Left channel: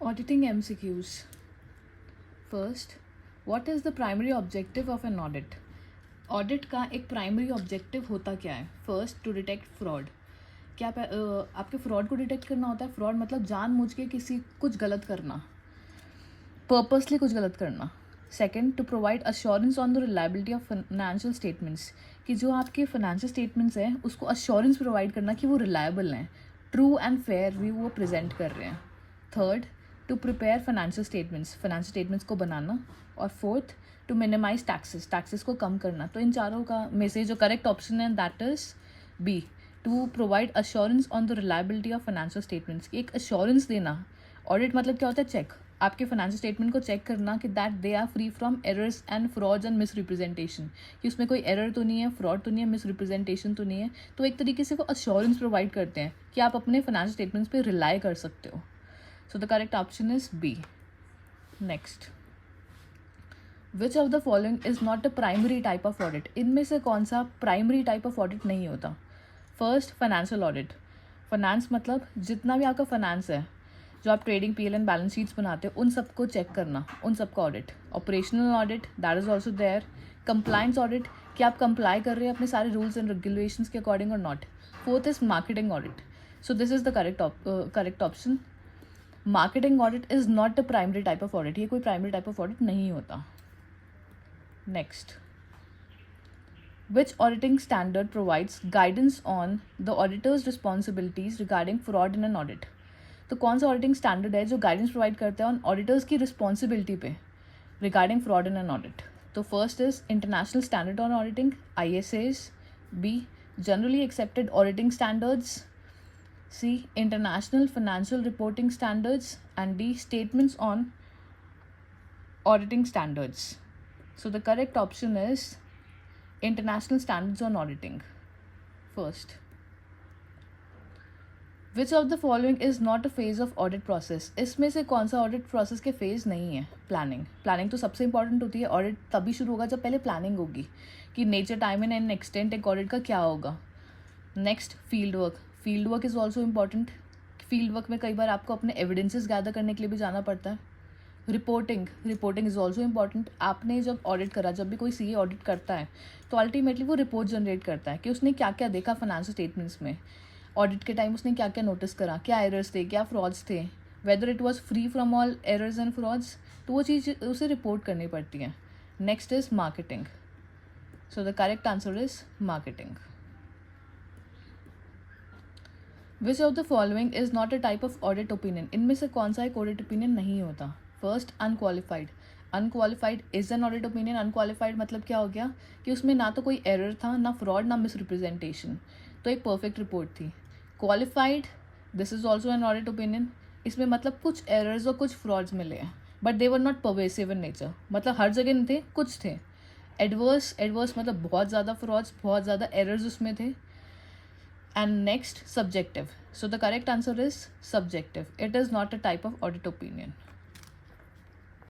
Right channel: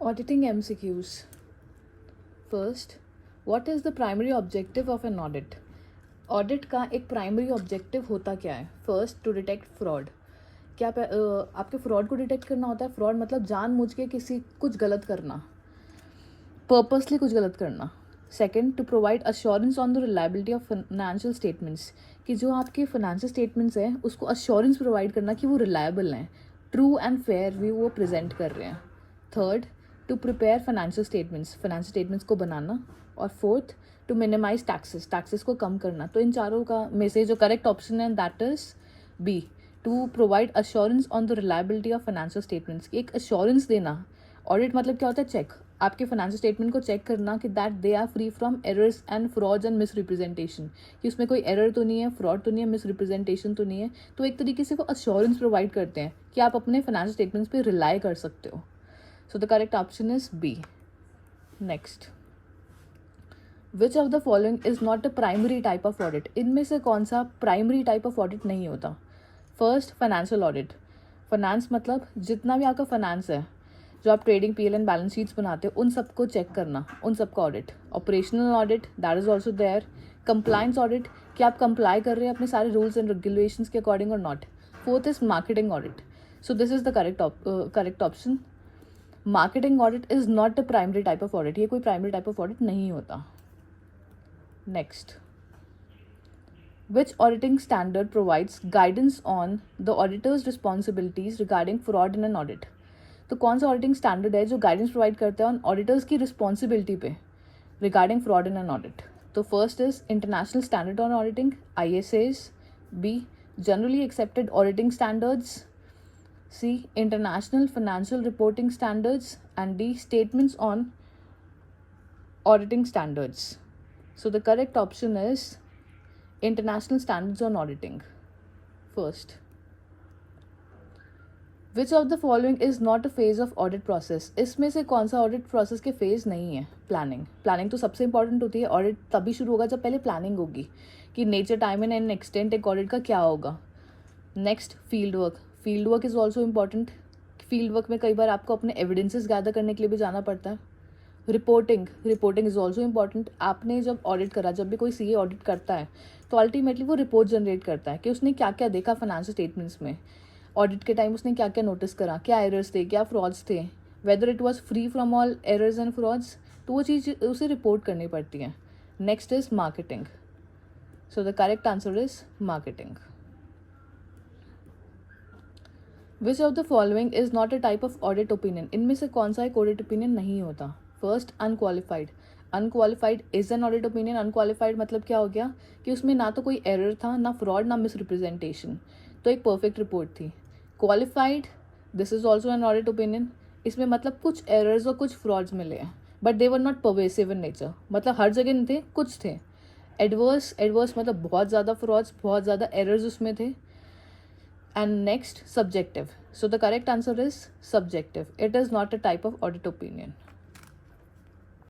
Auditing MCQs. First, what is the primary objective of an audit? Audit का एक primary objective होता क्या है? First, to detect fraud. क्या आपके फ्रॉड को डिटेक्ट करना होता है? फ्रॉड मतलब जानबूझ के किसी कुछ गलत करना, पर्पसली कुछ गलत करना. Second, to provide assurance on the reliability of financial statements, कि जो आपके फाइनेंशियल स्टेटमेंट्स हैं उसको अश्योरेंस प्रोवाइड करना कि वो रिलायबल हैं, ट्रू एंड फेयर भी वो प्रेजेंट कर रहे हैं. Third, to prepare financial statements को बनाना. और फोर्थ, टू मिनिमाइज टैक्सेस को कम करना. तो इन चारों का में से जो करेक्ट ऑप्शन है that is B, to provide assurance on the reliability of financial statements. एक अश्योरेंस देना. ऑडिट मतलब क्या होता है? चेक. आपके फाइनेंशियल स्टेटमेंट को चेक करना कि that they are free from errors and frauds and misrepresentation, कि उसमें कोई एरर तो नहीं है, फ्रॉड तो नहीं है, मिस रिप्रेजेंटेशन तो नहीं है. तो एक तरीके से वो अश्योरेंस प्रोवाइड करते हैं कि आप अपने फाइनेंशियल स्टेटमेंट्स पे रिलाई कर सकते हो. So the correct option is B. Next, which of the following is not a primary type of audit? इनमें से कौन सा प्राइमरी टाइप ऑफ ऑडिट नहीं होता? First, financial audit. फाइनेंस मतलब जितना भी आपका फाइनेंस है, जो आप trading PL and balance sheets बनाते हो, उन सबको चेक करना, उन सबका audit. Operational audit, that is also there. Compliance audit, कि आप कंप्लाई कर रहे हैं अपने सारे रूल्स एंड रेगुलेशंस के अकॉर्डिंग और not. Fourth is marketing audit. So this is the correct option. Marketing audit is not a primary type of audit. ये कोई प्राइमरी टाइप ऑफ ऑडिट नहीं होता. Next, which auditing standard provides guidance on the auditor's responsibilities regarding fraud in an audit? तो कौन सा auditing standard है जो guidance provide करता है ऑन ऑडिटर्स की रिस्पॉन्सिबिलिटी पे regarding fraud in an audit? तो first is international standard on auditing, ISAs. B, generally accepted auditing standards. C, international financial reporting standards. And D, statements on auditing standards. So the correct option is international standards on auditing. First, which of the following is not a phase of audit process? इसमें से कौन सा audit process के phase नहीं है? Planning तो सबसे important होती है. ऑडिट तभी शुरू होगा जब पहले प्लानिंग होगी कि नेचर, टाइम एंड एक्सटेंट एक ऑडिट का क्या होगा. Next, field work is also important. Field work में कई बार आपको अपने एविडेंसेस गैदर करने के लिए भी जाना पड़ता है. Reporting is also important. आपने जब ऑडिट करा, जब भी कोई सीए ऑडिट करता है तो अल्टीमेटली वो रिपोर्ट जनरेट करता है कि उसने क्या क्या देखा फाइनेंशियल स्टेटमेंट्स में, ऑडिट के टाइम उसने क्या क्या नोटिस करा, क्या एरर्स थे, क्या फ्रॉड्स थे, whether it was free from all errors and frauds. तो वो चीज़ उसे रिपोर्ट करनी पड़ती है. Next is marketing. So the correct answer is marketing. Which of the following is not a type of audit opinion? इनमें से कौन सा एक ऑडिट ओपिनियन नहीं होता? First, unqualified is an audit opinion. Unqualified मतलब क्या हो गया कि उसमें ना तो कोई एरर था, ना फ्रॉड, ना मिस रिप्रेजेंटेशन, तो एक परफेक्ट रिपोर्ट थी. Qualified, this is also an audit opinion. इसमें मतलब कुछ एरर्स और कुछ फ्रॉड्स मिले हैं but they were not pervasive in nature, मतलब हर जगह नहीं थे, कुछ थे. एडवर्स मतलब बहुत ज़्यादा फ्रॉड्स, बहुत ज़्यादा एरर्स उसमें थे. And next, subjective. So the correct answer is subjective. It is not a type of audit opinion.